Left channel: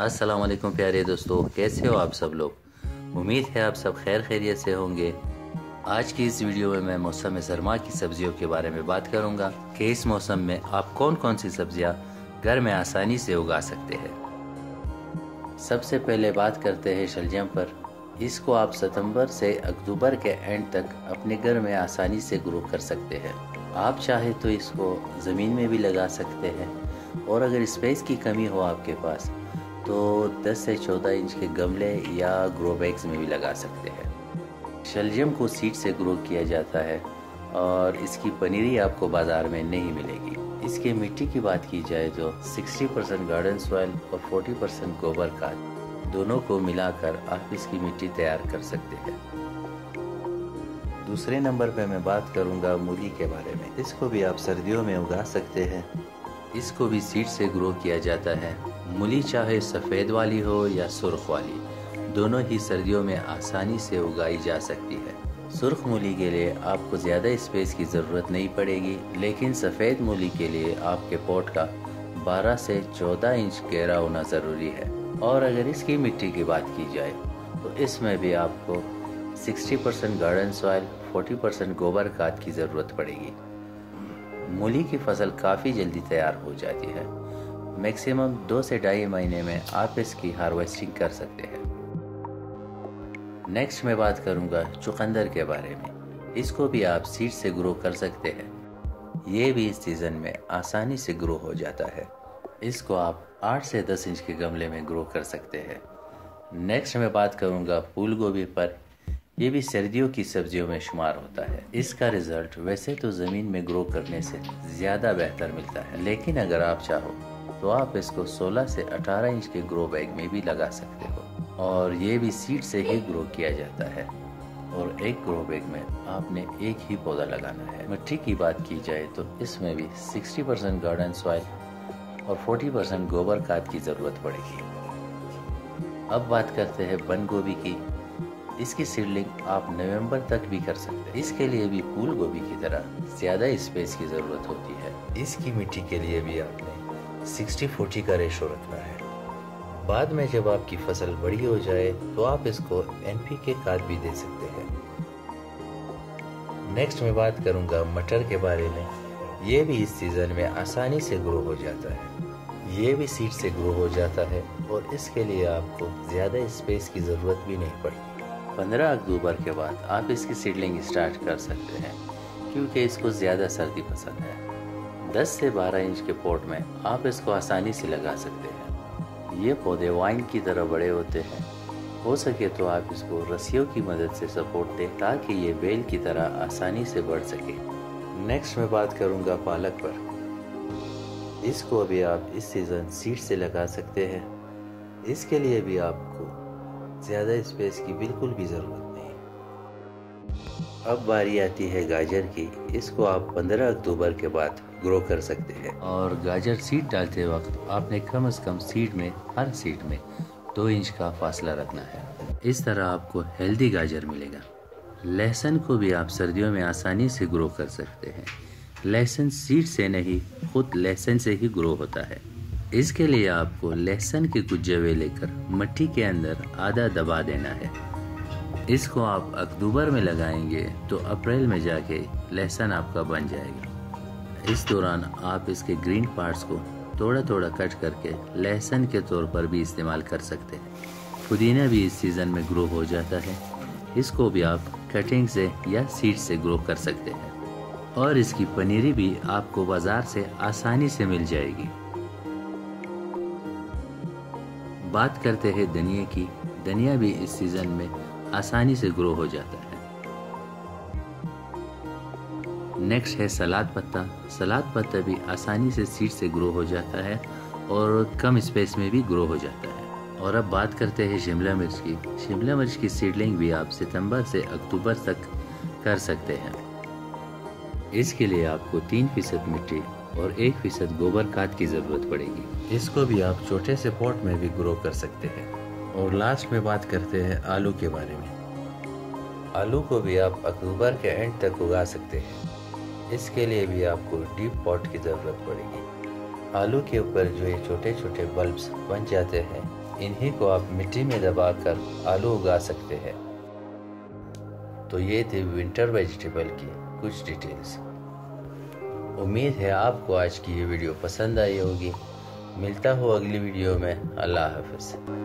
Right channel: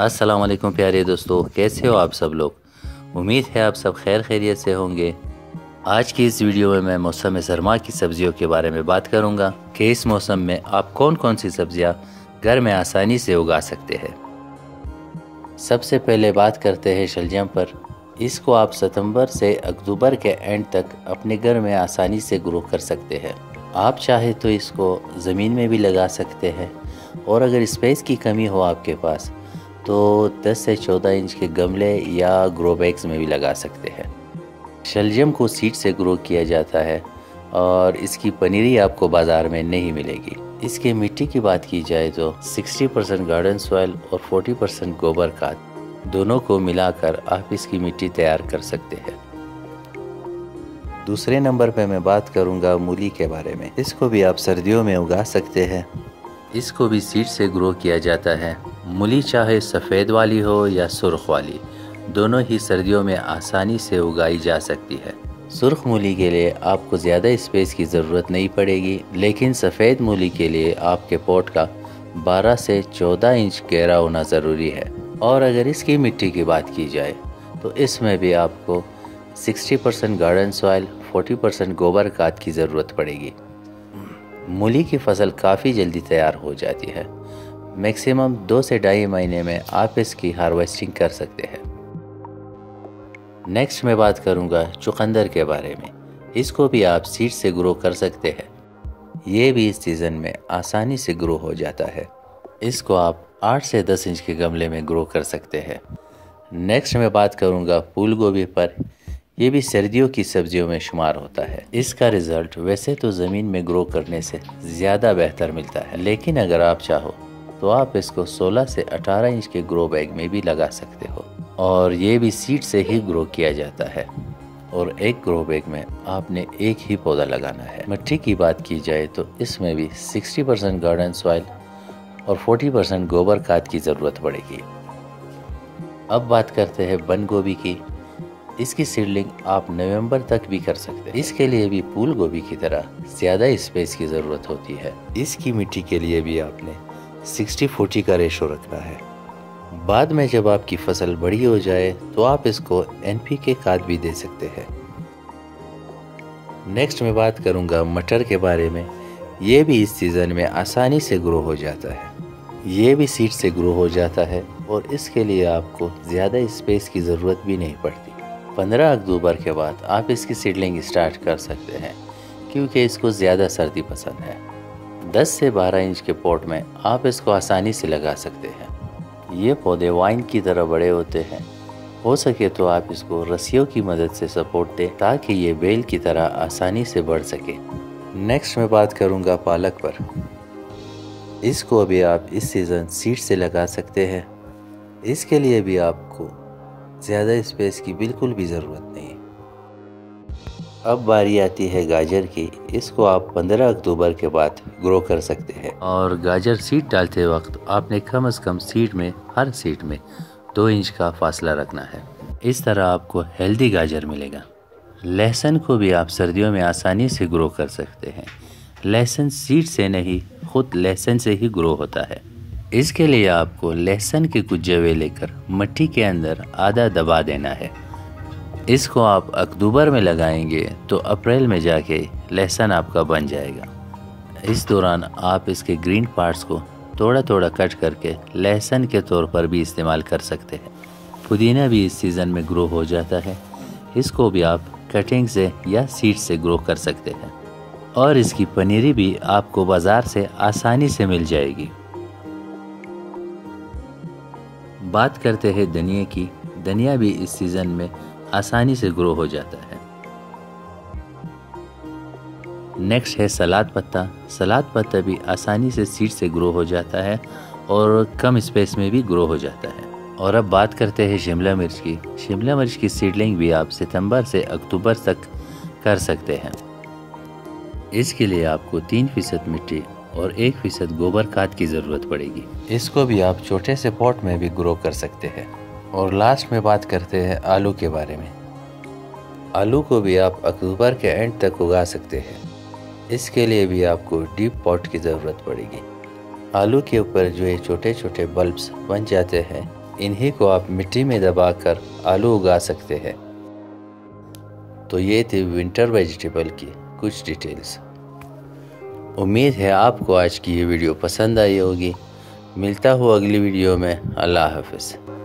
अस्सलाम वालेकुम प्यारे दोस्तों, कैसे हो आप सब लोग। उम्मीद है आप सब खैर खैरियत से होंगे। आज की इस वीडियो में मैं मौसम सरमा की सब्जियों के बारे में बात करूंगा कि इस मौसम में आप कौन कौन सी सब्जियां घर में आसानी से उगा सकते हैं। सबसे पहले बात करते हैं शलजम पर। इसको आप सितंबर से अक्टूबर के एंड तक अपने घर में आसानी से ग्रो कर सकते हैं। आप चाहे तो इसको ज़मीन में भी लगा सकते हैं, और अगर स्पेस की कमी हो आपके पास तो 10 से 14 इंच के गमले या ग्रो बैग्स में भी लगा सकते हैं। शलजम को सीड से ग्रो किया जाता है और इसकी पनीरी आपको बाज़ार में नहीं मिलेगी। इसके मिट्टी की बात की जाए तो 60% गार्डन सॉइल और 40% गोबर खाद दोनों को मिलाकर आप इसकी मिट्टी तैयार कर सकते हैं। दूसरे नंबर पे मैं बात करूंगा मूली के बारे में। इसको भी आप सर्दियों में उगा सकते हैं। इसको भी सीड से ग्रो किया जाता है। मूली चाहे सफ़ेद वाली हो या सुर्ख वाली, दोनों ही सर्दियों में आसानी से उगाई जा सकती है। सुर्ख मूली के लिए आपको ज़्यादा स्पेस की ज़रूरत नहीं पड़ेगी, लेकिन सफ़ेद मूली के लिए आपके पॉट का 12 से 14 इंच गहरा होना ज़रूरी है। और अगर इसकी मिट्टी की बात की जाए तो इसमें भी आपको 60% गार्डन सॉइल, 40% गोबर खाद की ज़रूरत पड़ेगी। मूली की फसल काफ़ी जल्दी तैयार हो जाती है। मैक्सिमम 2 से 2.5 महीने में आप इसकी हार्वेस्टिंग कर सकते हैं। नेक्स्ट मैं बात करूंगा चुकंदर के बारे में। इसको भी आप सीड से ग्रो कर सकते हैं। ये भी इस सीज़न में आसानी से ग्रो हो जाता है। इसको आप 8 से 10 इंच के गमले में ग्रो कर सकते हैं। नेक्स्ट मैं बात करूंगा फूल गोभी पर। ये भी सर्दियों की सब्जियों में शुमार होता है। इसका रिजल्ट वैसे तो ज़मीन में ग्रो करने से ज़्यादा बेहतर मिलता है, लेकिन अगर आप चाहो तो आप इसको 16 से 18 इंच के ग्रो बैग में भी लगा सकते हो, और ये भी सीड से ही ग्रो किया जाता है। और एक ग्रो बैग में आपने एक ही पौधा लगाना है। मिट्टी की बात की जाए तो इसमें भी 60% गार्डन सॉइल और 40% गोबर खाद की ज़रूरत पड़ेगी। अब बात करते हैं बंद गोभी की। इसकी सीडलिंग आप नवंबर तक भी कर सकते हैं। इसके लिए भी फूल गोभी की तरह ज़्यादा स्पेस की ज़रूरत होती है। इसकी मिट्टी के लिए भी आपने 60-40 का रेशो रखना है। बाद में जब आपकी फसल बड़ी हो जाए तो आप इसको NPK खाद भी दे सकते हैं। नेक्स्ट मैं बात करूंगा मटर के बारे में। ये भी इस सीज़न में आसानी से ग्रो हो जाता है। ये भी सीड से ग्रो हो जाता है और इसके लिए आपको ज़्यादा स्पेस की ज़रूरत भी नहीं पड़ती। 15 अक्टूबर के बाद आप इसकी सीडलिंग स्टार्ट कर सकते हैं, क्योंकि इसको ज़्यादा सर्दी पसंद है। 10 से 12 इंच के पॉट में आप इसको आसानी से लगा सकते हैं। ये पौधे वाइन की तरह बड़े होते हैं। हो सके तो आप इसको रस्सियों की मदद से सपोर्ट दें ताकि ये बेल की तरह आसानी से बढ़ सके। नेक्स्ट मैं बात करूँगा पालक पर। इसको भी आप इस सीज़न सीड से लगा सकते हैं। इसके लिए भी आपको ज़्यादा स्पेस की बिल्कुल भी ज़रूरत नहीं। अब बारी आती है गाजर की। इसको आप 15 अक्टूबर के बाद ग्रो कर सकते हैं, और गाजर सीड डालते वक्त आपने कम से कम हर सीड में 2 इंच का फासला रखना है। इस तरह आपको हेल्दी गाजर मिलेगा। लहसुन को भी आप सर्दियों में आसानी से ग्रो कर सकते हैं। लहसुन सीड से नहीं, खुद लहसुन से ही ग्रो होता है। इसके लिए आपको लहसुन के कुछ जवे लेकर मिट्टी के अंदर आधा दबा देना है। इसको आप अक्टूबर में लगाएंगे तो अप्रैल में जाके लहसुन आपका बन जाएगा। इस दौरान आप इसके ग्रीन पार्ट्स को थोड़ा थोड़ा कट करके लहसुन के तौर पर भी इस्तेमाल कर सकते हैं। पुदीना भी इस सीज़न में ग्रो हो जाता है। इसको भी आप कटिंग से या सीड से ग्रो कर सकते हैं, और इसकी पनीरी भी आपको बाज़ार से आसानी से मिल जाएगी। बात करते हैं धनिया की। धनिया भी इस सीज़न में आसानी से ग्रो हो जाता है। नेक्स्ट है सलाद पत्ता। सलाद पत्ता भी आसानी से सीड से ग्रो हो जाता है और कम स्पेस में भी ग्रो हो जाता है। और अब बात करते हैं शिमला मिर्च की। शिमला मिर्च की सीडलिंग भी आप सितंबर से अक्टूबर तक कर सकते हैं। इसके लिए आपको 3% मिट्टी और 1% गोबर खाद की ज़रूरत पड़ेगी। इसको भी आप छोटे से पॉट में भी ग्रो कर सकते हैं। और लास्ट में बात करते हैं आलू के बारे में। आलू को भी आप अक्टूबर के एंड तक उगा सकते हैं। इसके लिए भी आपको डीप पॉट की ज़रूरत पड़ेगी। आलू के ऊपर जो ये छोटे छोटे बल्ब्स बन जाते हैं, इन्हीं को आप मिट्टी में दबाकर आलू उगा सकते हैं। तो ये थी विंटर वेजिटेबल की कुछ डिटेल्स। उम्मीद है आपको आज की ये वीडियो पसंद आई होगी। मिलता हूँ अगली वीडियो में। अल्लाह हाफ़िज़।